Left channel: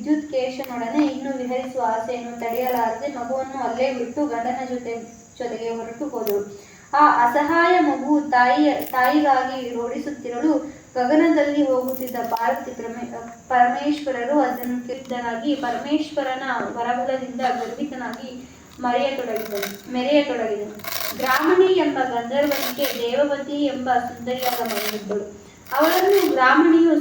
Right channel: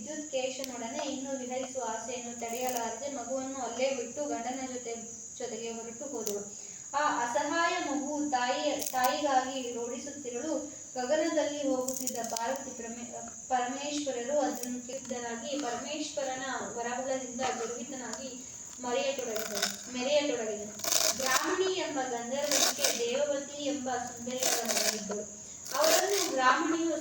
ವಿದ್ಯುತ್ ಕೇಶನೊಡನೆ ಇನ್ನೂ ವಿಹರಿಸುವ ಆಸೆಯನ್ನು ತಡೆಯಲಾರದೆ ಮಗುವನ್ನು ಅಲ್ಲೇ ಬಿಟ್ಟು ಗಂಡನ ಜೊತೆ, ಜೊತೆಗೆ ಹೊರಟು ಹೋದರು ಆ ಅಸಹಾಯ ಮಗು ತಾಯಿಯ, ತಾಯಿಗಾಗಿ ರೋಡಿಸುತ್ತಿರಲು ಗಗನದಲ್ಲಿ ಹೋಗುತ್ತಿದ್ದ ಭಾರತಿ ಪ್ರಮೇ, ಪರಮೇಶ್ವರರು ಅದನ್ನು ಕೇಳಿದ್ದನಾಗಿ ಪರಮೇಶ್ವರನ ವರಬಲದಿಂದ ಗರ್ಭಿತನಾಗಿ ಮರೆಯತೊಡಗಿದನು ಮೆರೆಯತೊಡಗಿದನು ಗ್ರಾಮಣಿ ಎಂಬ ಗಂಧರ್ವನಿಗೆ ದೇವವತಿ ಎಂಬ ಸುಂದರಿಯಾದ ಮಗಳಿದ್ದಳು ಅವರನ್ನು ಗ್ರಾಮಣಿಯು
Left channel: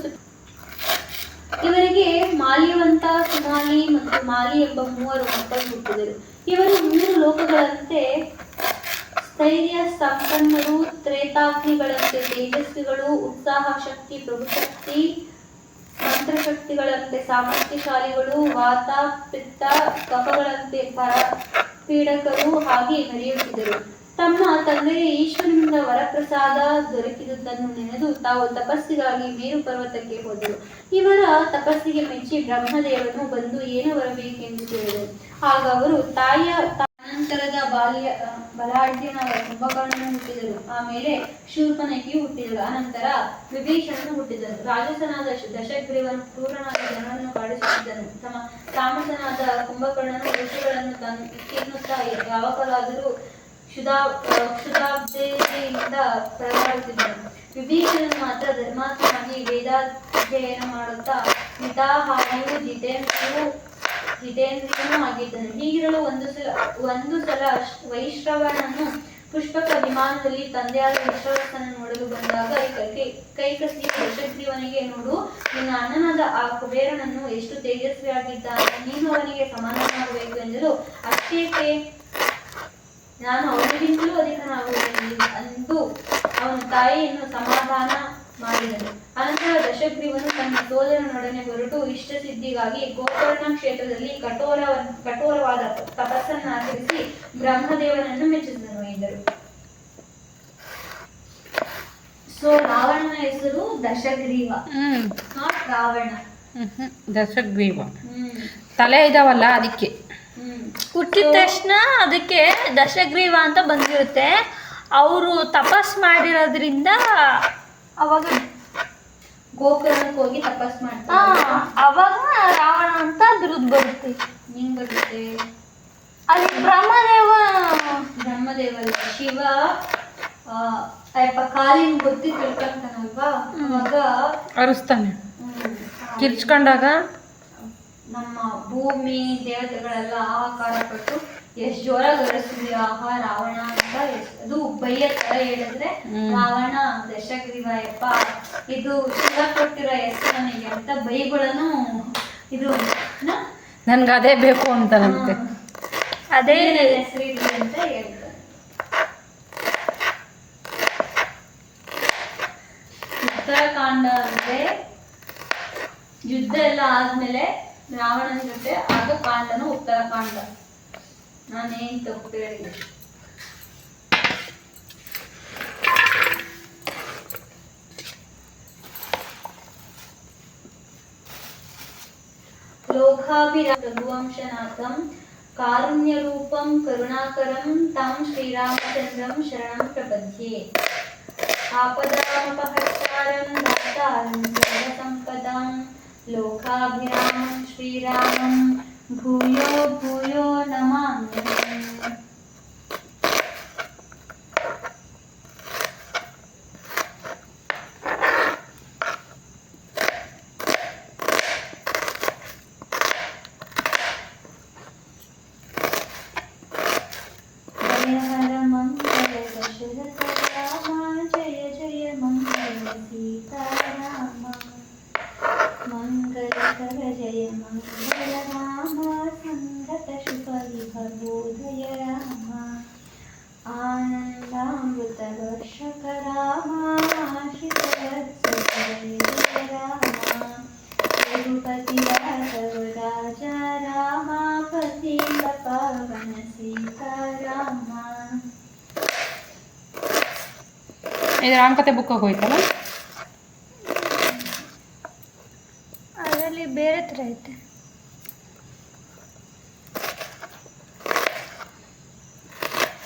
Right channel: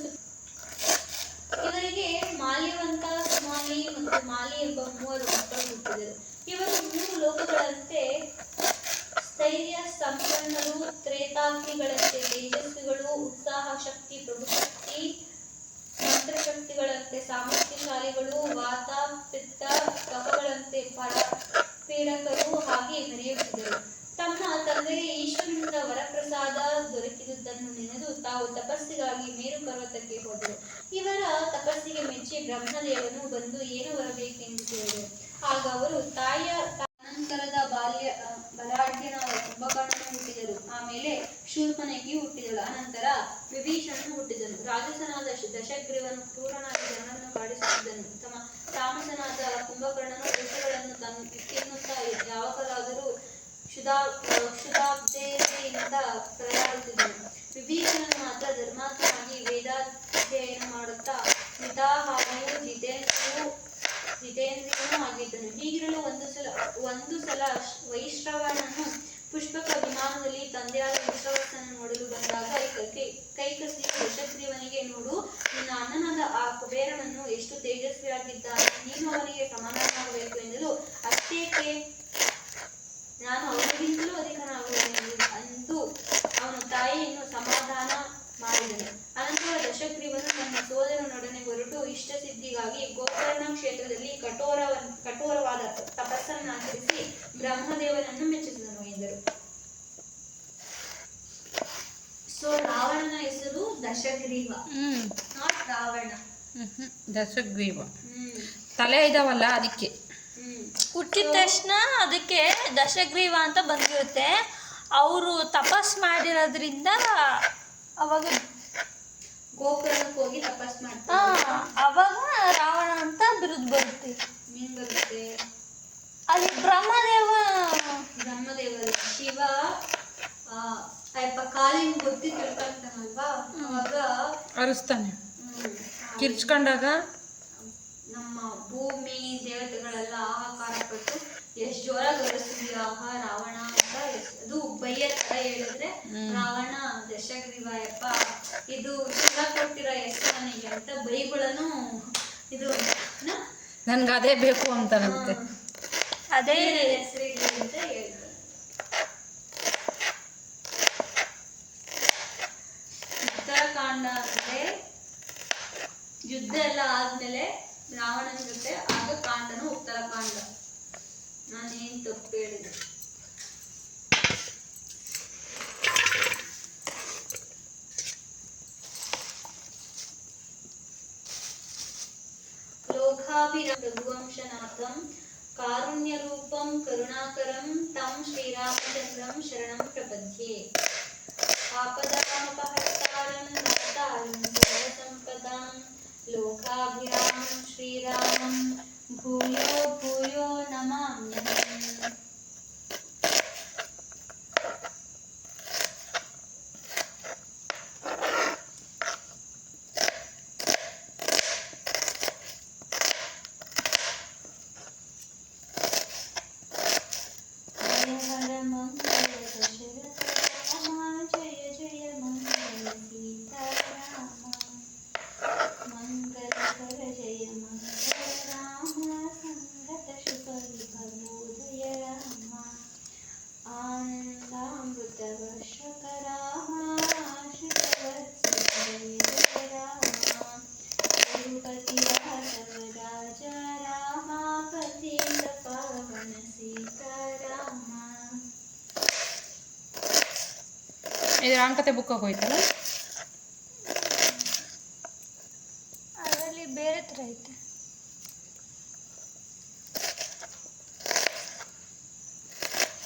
ಇವರಿಗೆ ಮಾಲ್ಯವಂತ ಸುಮಾಲಿ ಮತ್ತು ಮಾಲಿ ಎಂಬ ಮೂವರು ಮಕ್ಕಳು ಹುಟ್ಟಿದರು. ಇವರು ಮೂರು ಲೋಕಗಳಂತೆ ಸ್ಥೈರ್ಯ, ಸಂಪನ್ನರು, ತ್ರೇತಾಗ್ನಿಗಳಂತೆ ತೇಜಸ್ವಿಗಳು, ಉತ್ಸಾಹ ಶಕ್ತಿ ಪ್ರಭುಶಕ್ತಿ ಮಂತ್ರಶಕ್ತಿಗಳಂತೆ ಸಾಮರ್ಥ್ಯಶಾಲಿಗಳು, ವಾತ, ಪಿತ್ತ, ಕಫಗಳಂತೆ ಪರ ಪೀಡಕರು ಹಾಗೆ ನಡೆಯುತ್ತಿದ್ದರು. ತಮ್ಮ ತಂದೆಗೆ ಈಶ್ವರನಿಂದ ವರಪ್ರಸಾದ ದೊರಕಿದುದನ್ನು ನೆನೆದು ತಾವು ತಪಸ್ಸಿಗಾಗಿ ಮೇರು ಪರ್ವತಕ್ಕೆ ಹೋದರು. ಇವರ ತಪಸ್ಸಿಗೆ ಮೆಚ್ಚಿ ಬ್ರಹ್ಮದೇವನು ಬಂದು ಏನು ಬರಬೇಕೆಂದು ಕೇಳಿದರು ಆಗ ಅವರು, ತಾಯಿಯ ಅನಂತರದ ಬಾಲ್ಯ ಬಲಾಢ್ಯನ ಕುಂಭಕರ್ಣನು ಹುಟ್ಟಿದರು ಆಮೇಲೆ ಶೂರ್ಪನಗಿ ಹುಟ್ಟಿದರು ಅನಂತರ ವಿಭೀಷಣನು ಹುಟ್ಟಿದರು ರಾಜಸನಾದ ದಶಗ್ರೀವನು ಕ್ರೂರನಾದ ಜನರನ್ನು ಕಾಡಿಸುತ್ತಿದ್ದನು ತಮ್ಮ ತಾಮಸನಾದ ಕುಂಭಕರ್ಣನು ಋಷಿಗಳನ್ನು ತನ್ನ ತಿನ್ನುತ್ತಾ ಯಾವಾಗಲಾದರೂ ಕ್ಷುಧಾ ಕ್ಷುಧಾಬ್ಧೆಯಿಂದ ಪರದಾಡುತ್ತಿದ್ದನು ವಿಭೀಷಣನು ಮಾತ್ರ ಧರ್ಮಾತ್ಮನಾಗಿ ವೇದಾಧ್ಯಯನ ಮಾಡುತ್ತಾ ಮಿತಾಹಾರಿಯು ಜಿತೇಂದ್ರಿಯು ಜಿತೇಂದ್ರಿಯೂ ಆಗಿದ್ದನು. ಹೀಗಿರಲು ಒಂದು ಸಲ ಒಂದು ಸಲ ವೈಶ್ರವಣನು ಪುಷ್ಪಕ ವಿಮಾನದಲ್ಲಿ ತಂದೆಯಾದ ವಿಶ್ವಾಸನ ನೋಡಲು ಬಂದಾಗ ಕೈ- ಯಶಗ್ರೀವನಿಗೆ ನೋಡು, ನಿನ್ನ ಅಣ್ಣನಾದ ಆ ಕುಬೇರನನ್ನು ಎಷ್ಟು ತೇಜಸ್ವಿಯಾಗಿದ್ದಾನೆ. ನೀನು ಅವನಿಗೆ ಸಮಾನನಾಗಬೇಕು ಎಂದರು ಅಷ್ಟೇಕೆ ನಾನು ಅವನಿಗಿಂತಲೂ ಅಧಿಕನಾಗುತ್ತೇನೆ ಎಂದು ಅವನ ತಾಯಿಯನ್ನು ಸಮಾಧಾನ ಮಾಡಿದನು. ಅನಂತರ ದಶಗ್ರೀವನು ತನ್ನ ಸೋದರನೊಡನೆ ಹೊರಟು ಇಷ್ಟಸಿದ್ಧಿಗಾಗಿ ಗೋಕರ್ಣ ಕ್ಷೇತ್ರದಲ್ಲಿ ಕಠೋರ ಕಠೋರವಾದ ತಪಸ್ಸನ್ನು ಆಚರಿಸಿ ಬ್ರಹ್ಮದೇವನನ್ನು ಮೆಚ್ಚಿಸಿದನು ಎಂದರು. ಸೊ ರಾವಣನ ಹೆಸರು ದಶಗ್ರೀವ. ನಾಟ್ ರಾವಣ. ದಶಗ್ರೀವ. ಹ್ಮ್. ತಲೆ ಇದಾವಲ್ಲ ಅದಕ್ಕೆ. ಹುಟ್ಟಿದ ತಕ್ಷಣ ಅದಕ್ಕೆ ದಶಗ್ರೀವ ಅಂತ ಬಂದಿರುತ್ತೆ. ಅವರು ತಪಸ್ ಮಾಡಿರೋದ್ರಿಂದ ಅವಾಗ ಗೋಕರ್ಣಕ್ಕೆ ಹೋಗಿ ತಪಸ್ ಮಾಡ್ತಾರೆ ಅವಾಗ ರಾವಣ ಅಂತ ಬಿರುದು ಬರುತ್ತೆ. ಹೆಂಗ್ ಬರುತ್ತೆ? ಅಲ್ಲಿ ಬ್ರಹ್ಮದೇವ. ಬ್ರಹ್ಮದೇವ ಶಿವ ಅಯ್ಯಪ್ಪ ಕಾಲಿನ ಗೊತ್ತಿ ತಿಳ್ಕೊಂತಾನಲ್ವಾ? ಅವಾಗ ಅರಿಸ್ತಾನೆ. ಕಿರ್ಚ್ಕೊಂಡಾಗ ನಮ್ಮ ಭೂಮಿ ದೇವತೆಗಳೆಲ್ಲ ಆಹಾಕಾರ ಪಟ್ಟು ಎಷ್ಟು ಜೋರಾಗಿ ಗರಿಸ್ತೀವಿ ಆಹಾ ರಾವಣ ಅಂತ ಅದು ಬೈಯ ತರ ಹೇಳಿದ್ರೆ. ರಾವಣ ದಶಗ್ರೀವಾಯಪ್ಪ ಇದು ಶಿವ ಕೊಟ್ಟಿರೋ ಹೆಸರು ನನಗೆ ಅಂತ ಬೈಗಳನ್ನು ಇದು? ನನ್ಗೆ ಅದೇ ಬೇಕು ಅಂತ ನಮಗೆ ಅದೇ ಹೆಸರು ಇದೆ ಅಂತ ಹೇಳ್ತಾರೆ ಉತ್ತರಕಾಂಡ ಅಂದ್ರೆ ಯುದ್ಧ ಎಲ್ಲ ಆದ್ಮೇಲೆ రావడం చూస్తే అగకాండను ఉత్తరకాండ నా నేను తప్పేది లోకాభిరా రఘువంశనాథం కారుణ్యరూపం కరుణాకరం తం శ్రీరామచంద్రం శరణం ప్రపద్యే. ఆపదాపహారం దాతారం लोकाभिरामं श्रीरामं भूयो ಇದು ರಾಮಕಥೆ ಬುಕ್ಕಾಗಿ ಹೋಯ್ತಲ್ಲ? ಅದರಲ್ಲಿ ಬೇರೆ ಥರ ಐತೆ.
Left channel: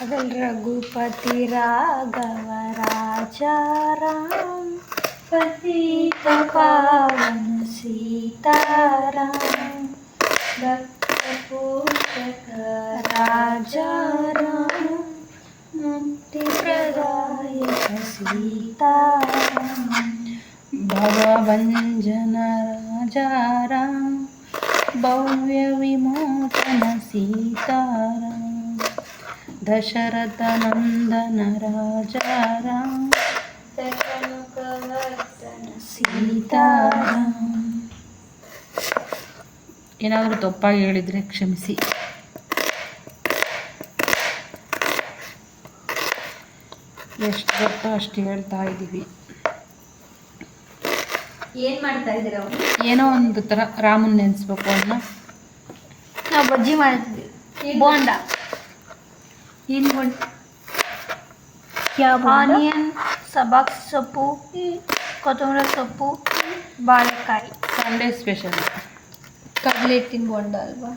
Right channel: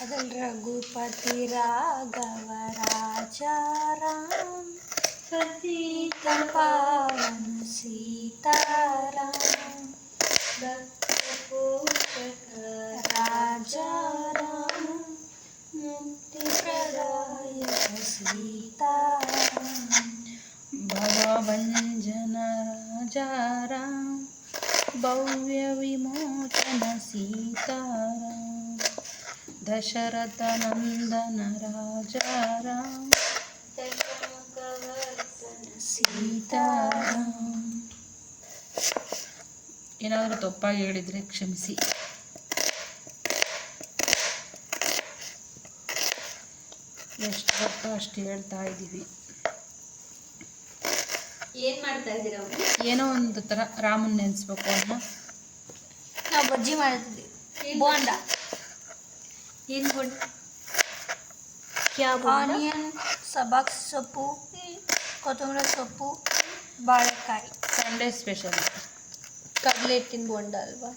ಅದರಲ್ಲಿ ರಘುಪತಿ ರಾಘವ ರಾಜ ರಾಮ, ಪತಿತ ಪಾವನ ಸೀತಾರಾಮ ಭಕ್ತ ಪೋಷಕ ರಾಜ ರಾಮ, ಮುಕ್ತಿ ಪ್ರದಾನ ಸೀತಾರಾಮ ಭವಭಂಜನ ರಾಜಾರಾಮ್ ಭವ್ಯ ವಿಮೋಚನ ಸೀತಾರಾಮ್ ದಶರಥ ನಂದನ ರಾಜಾರಾಮ್ ದಶಮುಖವರ್ಧನ ಸೀತಾರಾಮ್ ಏನಾದರೂ ತಪ್ಪಾಗಿ ಹೇಳಿದರೆ ಕ್ಷಮಿಸಿ ಎಷ್ಟು ಗೊತ್ತೋ ಅಷ್ಟು ಹೇಳ್ತಾ ಇದ್ದೀವಿ. ಏನು ಮಾಡ್ತಾ ಇದ್ದೀರಾ ಏನೋ ಒಂದು ಥರ ರಾಮನ್ ನೆನೆಸ್ಬೇಕು ಅನ್ನೋ ನಾವು ಬಜ್ಜಿ ಮಾಡ್ತಿದ್ವಿ. ಬೋಂಡ. ಏನು ಬೋಂಡ? ಆನಿಯನ್ ಸಬಾಕ್ ಸೊಪ್ಪು ಕೊತ್ತಂಬರಿ ಸೊಪ್ಪು ಬಾಳೆಕಾಯಿ. Sunday special. ಕಡಲೆ ಹಿಟ್ಟಿನ ಬೋಂಡ ಅಲ್ವಾ?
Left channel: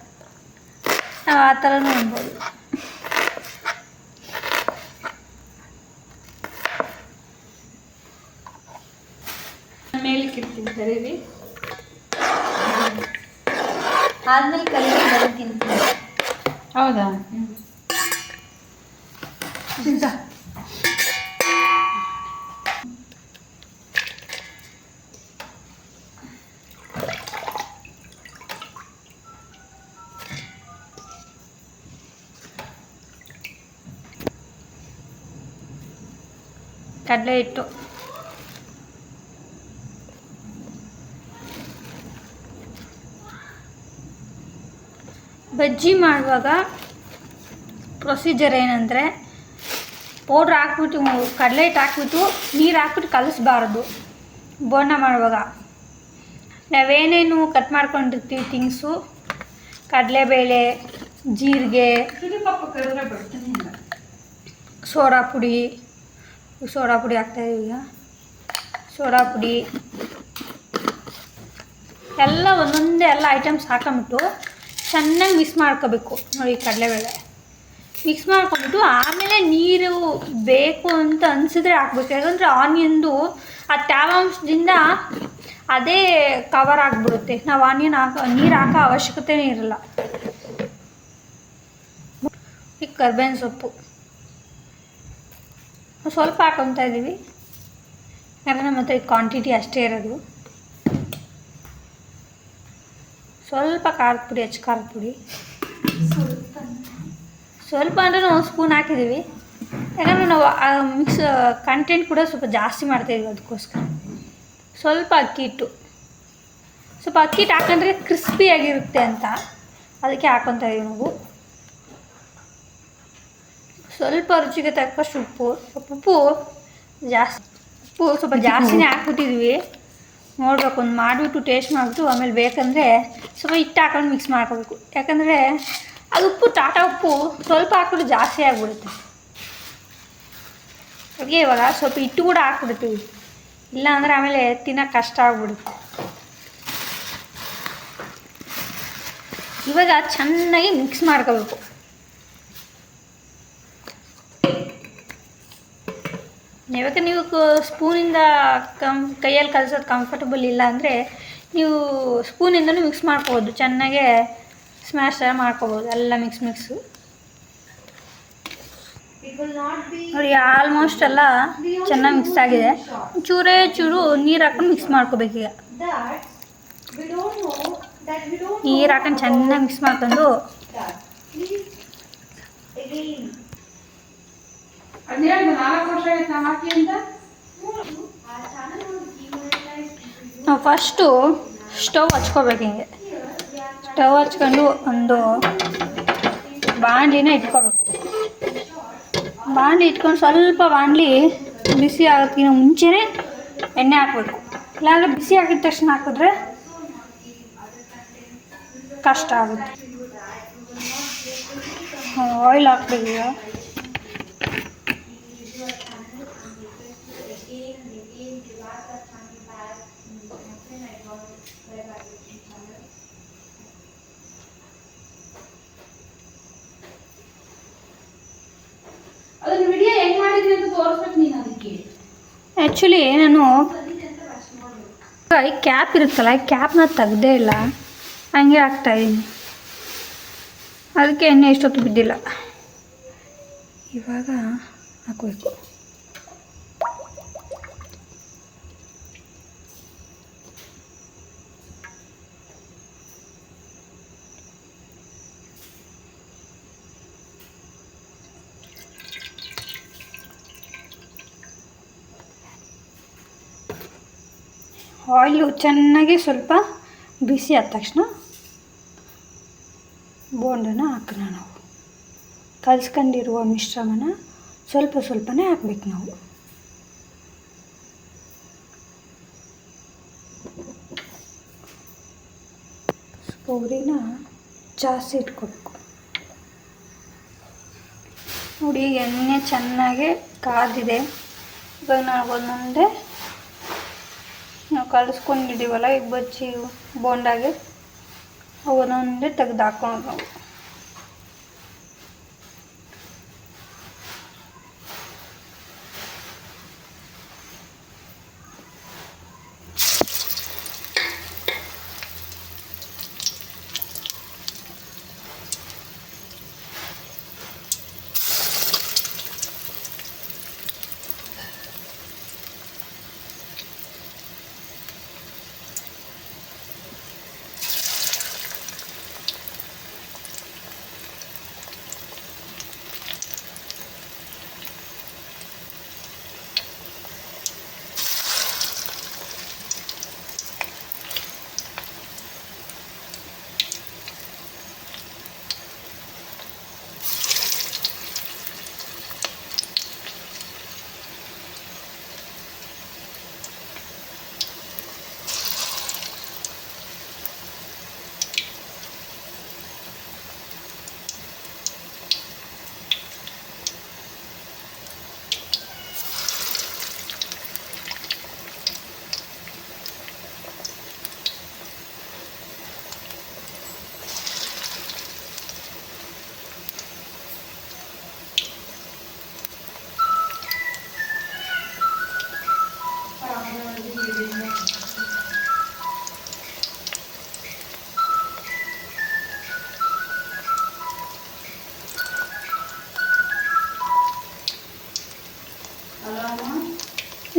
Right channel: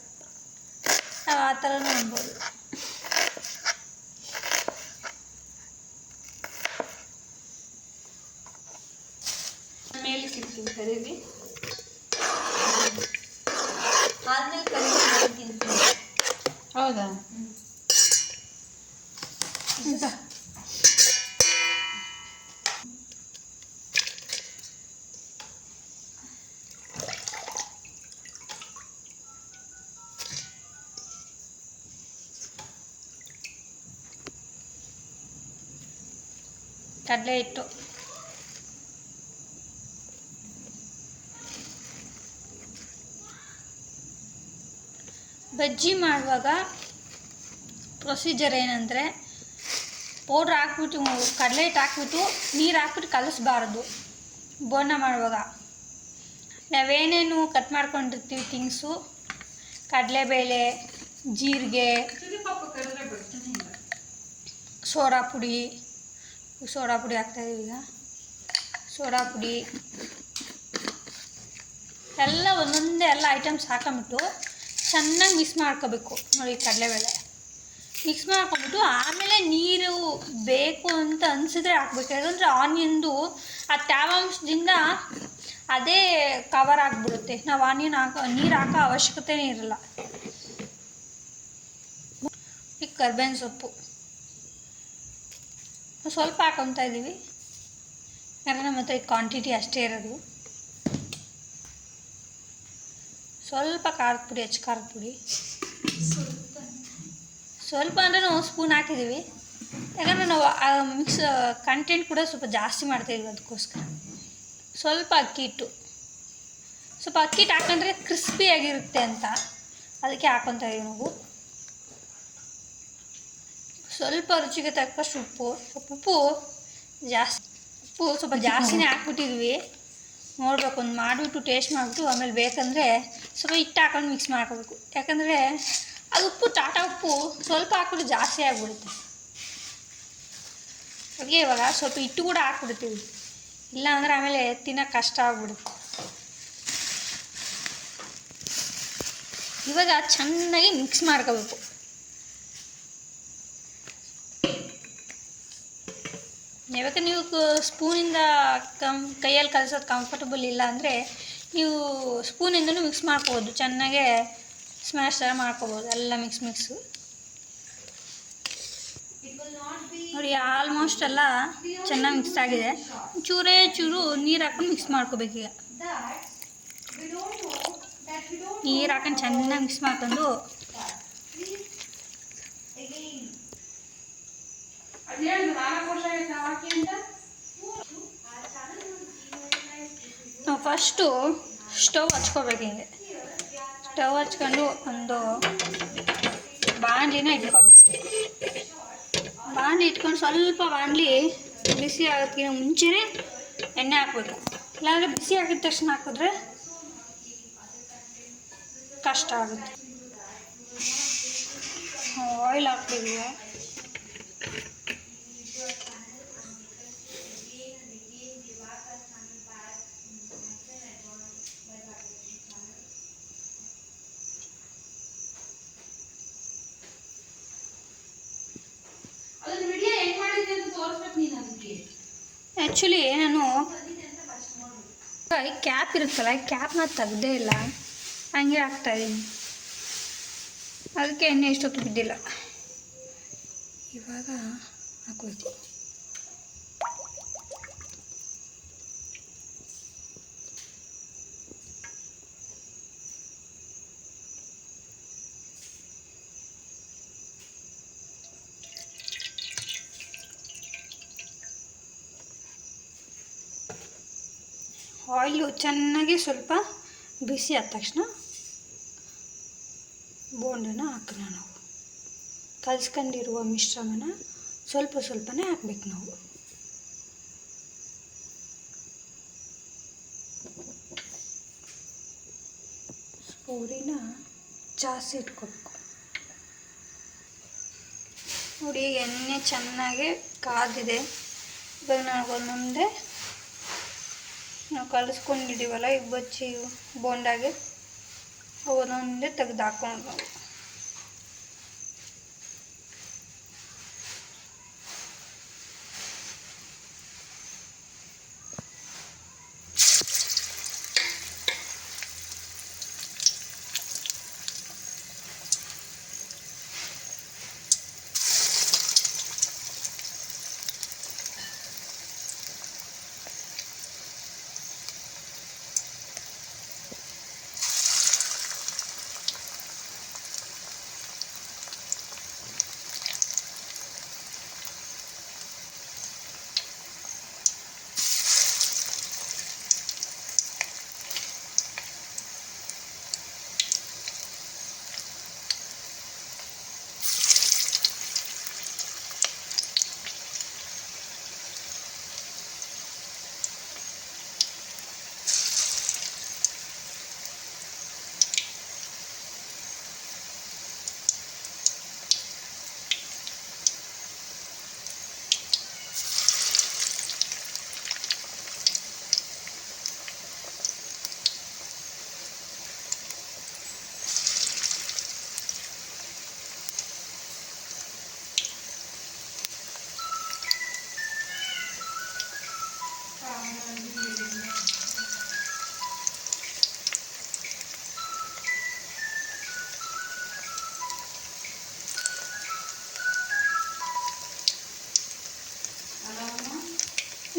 ನಾವು ಆ ಥರನೂ ಅನ್ಬೋದು ಕಡಲೆ ಹಿಟ್ಟು. ಬಜ್ಜಿ ಮಾಡುವಾಗ ಪ್ರೊಸೀಜರ್ ಏನಂದರೆ ಪೌಡ್ರ್ ಹಾಕ್ಬಿಟ್ಟು ಕಡಲೆ ಹಿಟ್ಟು ಹಾಕ್ಬಿಟ್ಟು ನೀರು ಹಾಕ್ಬಿಟ್ಟು ಕಲಿಸ್ಬಾರ್ದು ಬೋನ ಮಾಡುವಾಗ. ನಾವೇನೇನು ಕಟ್ ಮಾಡ್ಕೊಂಡಿರ್ತೀವಿ ತಿಂಗ್ಸು ಕಡಲೆಬೇಳೆ ಜೀರಿಗೆ ಸೋಡಾ ಪುಡಿ ಸೋಡಾ ಪುಡಿ ಹಾಕ್ತಾಯಿದ್ದೀವಿ ಈಗ. ಸೋಡಾ ಪುಡಿ ಎಲ್ಲ ಒಂದೊಂದೇ ಎಲ್ಲ ಐಟಮ್ಸ್ ಹಾಕೊಂಬಿಟ್ಟು ಚೆನ್ನಾಗಿ ಮಿಕ್ಸ್ ಮಾಡ್ಕೋಬೇಕು. ನೋಡಿ ಕಡಲೆಬೇಳೆ ಮಿಕ್ಸ್ ಮಾಡ್ಕೊಂಬಿಟ್ಟು ಆಮೇಲೆ ನೀರು ಬೇಕು ಅಂತ ಅನಿಸಿದ್ರೆ ಹಾಕ್ಬೇಕು. ಯಾಕಂದರೆ ಆನಿಯನ್ದು ಆ ತೇವಾಂಶದಿಂದ ಅದೇ ಕವರ್ ಆಗಿಬಿಡುತ್ತೆ. ನಾವು ಆನಿಯನ್ ಹಾಕೋ, ನೀರು ಹಾಕೋ ಅವಶ್ಯಕತೆನೇ ಇರಲ್ಲ. ಈಗ ಕರ್ಬೇವಿನ ಸೊಪ್ಪು. ಸ್ವಲ್ಪ ಹಾಕೊತಾ ಇದ್ದೀವಿ ಯಾಕಂದರೆ ನಮ್ಮ ಹತ್ರ ಕ್ವಾಂಟಿಟಿ ಅಷ್ಟೇ ಇರೋದು. ಸ್ವಲ್ಪ ಖಾರದ ಪುಡಿ ಹೆಚ್ಚು ಖಾರದ ಪುಡಿ. ಸ್ವಲ್ಪ ಅಂದರೆ ನಾವು ಸ್ಪೂನ್ ಹಾಕಿದ್ದೀವಿ ಯಾಕಂದರೆ ನಾವು ಮಿಕ್ಸ್ ಕಂಟೆಂಟ್ ಕೂಡ ಸ್ವಲ್ಪ ಜಾಸ್ತಿ ಮಾಡ್ತಾಯಿದ್ವಿ ಅದಕ್ಕೋಸ್ಕರ. ಸ್ವಲ್ಪ ಅಕ್ಕಿ ಹಿಟ್ಟು. ಸ್ವಲ್ಪ ಅಕ್ಕಿ ಹಿಟ್ಟು ಹಾಕೊಂಡ್ರೆ ಕ್ರಿಸ್ಪಿಯಾಗಿರುತ್ತೆ ಅಂತ. ಅದಕ್ಕೆ ಹಾಕೊತಾ ಇದೀವಿ ನಾವು. ಸ್ವಲ್ಪ ರುಚಿಗೆ ತಕ್ಕಷ್ಟು ಉಪ್ಪು ಸ್ವಲ್ಪ ಉಪ್ಪು ಜಾಸ್ತಿ ಉಪ್ಪು ಸ್ವಲ್ಪ ಜಾಸ್ತಿನೇ ಹಾಕ್ಬಿಟ್ಟಿದ್ವಿ. ನೋಡ್ಬೇಕು ಒಂದು ಮಾಡಿಬಿಟ್ಟು ಟೇಸ್ಟ್ ಮಾಡಿಬಿಟ್ಟು ಆಮೇಲೆ ಬೇಕಂದರೆ ಸ್ವಲ್ಪ ಹಿಟ್ಟು ಹಾಕೊಂಡು ಮಿಕ್ಸ್ ಮಾಡ್ಕೋಬೇಕು. ಯಾಕಂದರೆ ಅದು ಉಪ್ಪು ಟಾಟಾ ಉಪ್ಪು ಸ್ವಲ್ಪ ಹಾಕ್ಬಿಟ್ಟು ಜಾಸ್ತಿ ಆಗಿಬಿಡುತ್ತೆ. ಹಾಗೆ ಇವಾಗ ಸ್ವಲ್ಪ ಹಿಟ್ಟು ಕೂಡ ಹಾಕ್ಬಿಡ್ತೀವಿ. ಇಲ್ಲ ಅಂದರೆ ಆಮೇಲೆ ತಿನ್ನೋಕೆ ಕಷ್ಟ ಆಗ್ಬಿಡುತ್ತೆ. ಇವಾಗ ಚೆನ್ನಾಗಿ ಮಿಕ್ಸ್ ಮಾಡ್ಕೋಬೇಕು. ಯಾವಾಗ ನೀವು ಸ್ಪೂನಿಂದ ಕಮ್ ಕೈಯಲ್ಲಿ ಕಲಿಸೋದು ಕಂಫರ್ಟಬಲ್ ಇಲ್ಲ ಅಂದರೆ ನೀವು ಸ್ಪೂನಿಂದನೂ ಮಿಕ್ಸ್ ಮಾಡ್ಕೋಬೋದು. ಚೆನ್ನಾಗೆ ಸ್ಮ್ಯಾಶ್ ಮಾಡ್ಕೋಬೋದು. ಎಲ್ಲ ಮಿಕ್ಸ್ ಮಿಕ್ಸು ನೋಡಿ ಆಲ್ಮೋಸ್ಟ್ ಎಲ್ಲ ಚೆನ್ನಾಗಿ ಮಿಕ್ಸ್ ಆಗಿದೆ. ಚೂರೇ ಚೂರು ನೀರು ಹಾಕೊಂಡು ಮಿಕ್ಸ್ ಮಾಡ್ಕೋಬೇಕು ಈಗ. ನೀರು ಹಾಕೊಂಡು ಚೆನ್ನಾಗಿ ಮಿಕ್ಸ್ ಮಾಡ್ಕೊಂಡು ನಾವು ಫಸ್ಟು ಸ್ಟವ್ ಹಚ್ಕೋಬೇಕು ಹಿಂಗೆ. ಸ್ಟವ್ ಹಚ್ಕೊಂಡು ಒಂದು ಬಾಣಲಿನ ಇಟ್ಕೋಬೇಕು. ಬಾಣಲಿ ಇಟ್ಕೊಂಡು ಸ್ವಲ್ಪ ಬಾಣಲಿ ಬಿಸಿ ಆಗೋದಕ್ಕಿಂತ ಮುಂಚೆನೇ ಎಣ್ಣೆ ಹಾಕಬೇಕು. ಇಲ್ಲಾಂದರೆ ಬಿಸಿ ಆಗಿದ ತಕ್ಷಣ ಹಾಕಿದ್ರೆ ಕಷ್ಟ ಆಗುತ್ತೆ. ಆಯಿಲ್ ಹಾಕ್ಬೇಕು ಆ್ಯಕ್ಚುಲಿ ನಾನು ಈ ಕ್ಯಾಪ್ ಇರುತ್ತಲ್ಲ, ಈ ಕ್ಯಾಪ್ನ ತೆಗ್ದೇ ಇಲ್ಲ. ಹಂಗೆ ಆಗ್ತಾಯಿದ್ದೀನಿ ಅದಕ್ಕೆ ಎಣ್ಣೆ ಇಷ್ಟೊತ್ತು ಬಿದ್ದಿಲ್ಲ. ಇವಾಗ ಹಾಕಬೇಕು. ಆಯಿಲು ಚೆನ್ನಾಗಿ ಸ್ವಲ್ಪ ಬಿಸಿ ಆದ ತಕ್ಷಣ ಬೋಂಡನ ಹಾಕೋಣ ನಾವು. ಕಲ್ಸ್ಕೊಂಡಿರುವ ಮಿಶ್ರಮನ ಸ್ವಲ್ಪ ಸ್ವಲ್ಪನೇ ಹಾಕ್ಬೇಕು ನಾವು. ಸ್ಪೂರಿನ ಜಾಸ್ತಿ ಇಟ್ಕೊಬೇಕು. ನೋಡಿ ಎಣ್ಣೆ ಚೆನ್ನಾಗಿ ಕಾದಿದೆ. ಇವಾಗ ನಾವು ಒಂದೊಂದೇ ನಾವು ಕಲಿಸ್ಕೊಂಡಿದ್ದೀವಲ್ಲ ಈಗ ಬಜ್ಜಿ ಬೋಂಡಾಗೆ ಅವನ್ನೊಂದೇ ತೆಗ್ದು ಹಾಕೋಣ ನಾವು.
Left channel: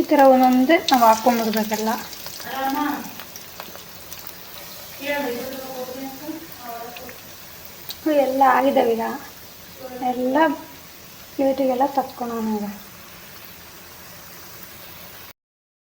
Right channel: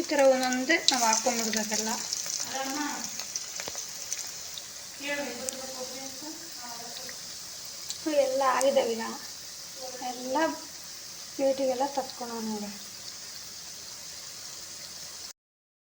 ಈ ಥರ ಒಂದೊಂದೇ ನಾವು ಹಾಕ್ಕೊಂಬಿಡ್ಬೇಕೆಲ್ಲ ಎಲ್ಲ ಆಗಿದ್ದಾವೆ ಈಗ. ಎಲ್ಲ ಪ್ಲೇಟಿಗೆಲ್ಲ ತಕ್ಕೊಳೋಣ ಈಗ.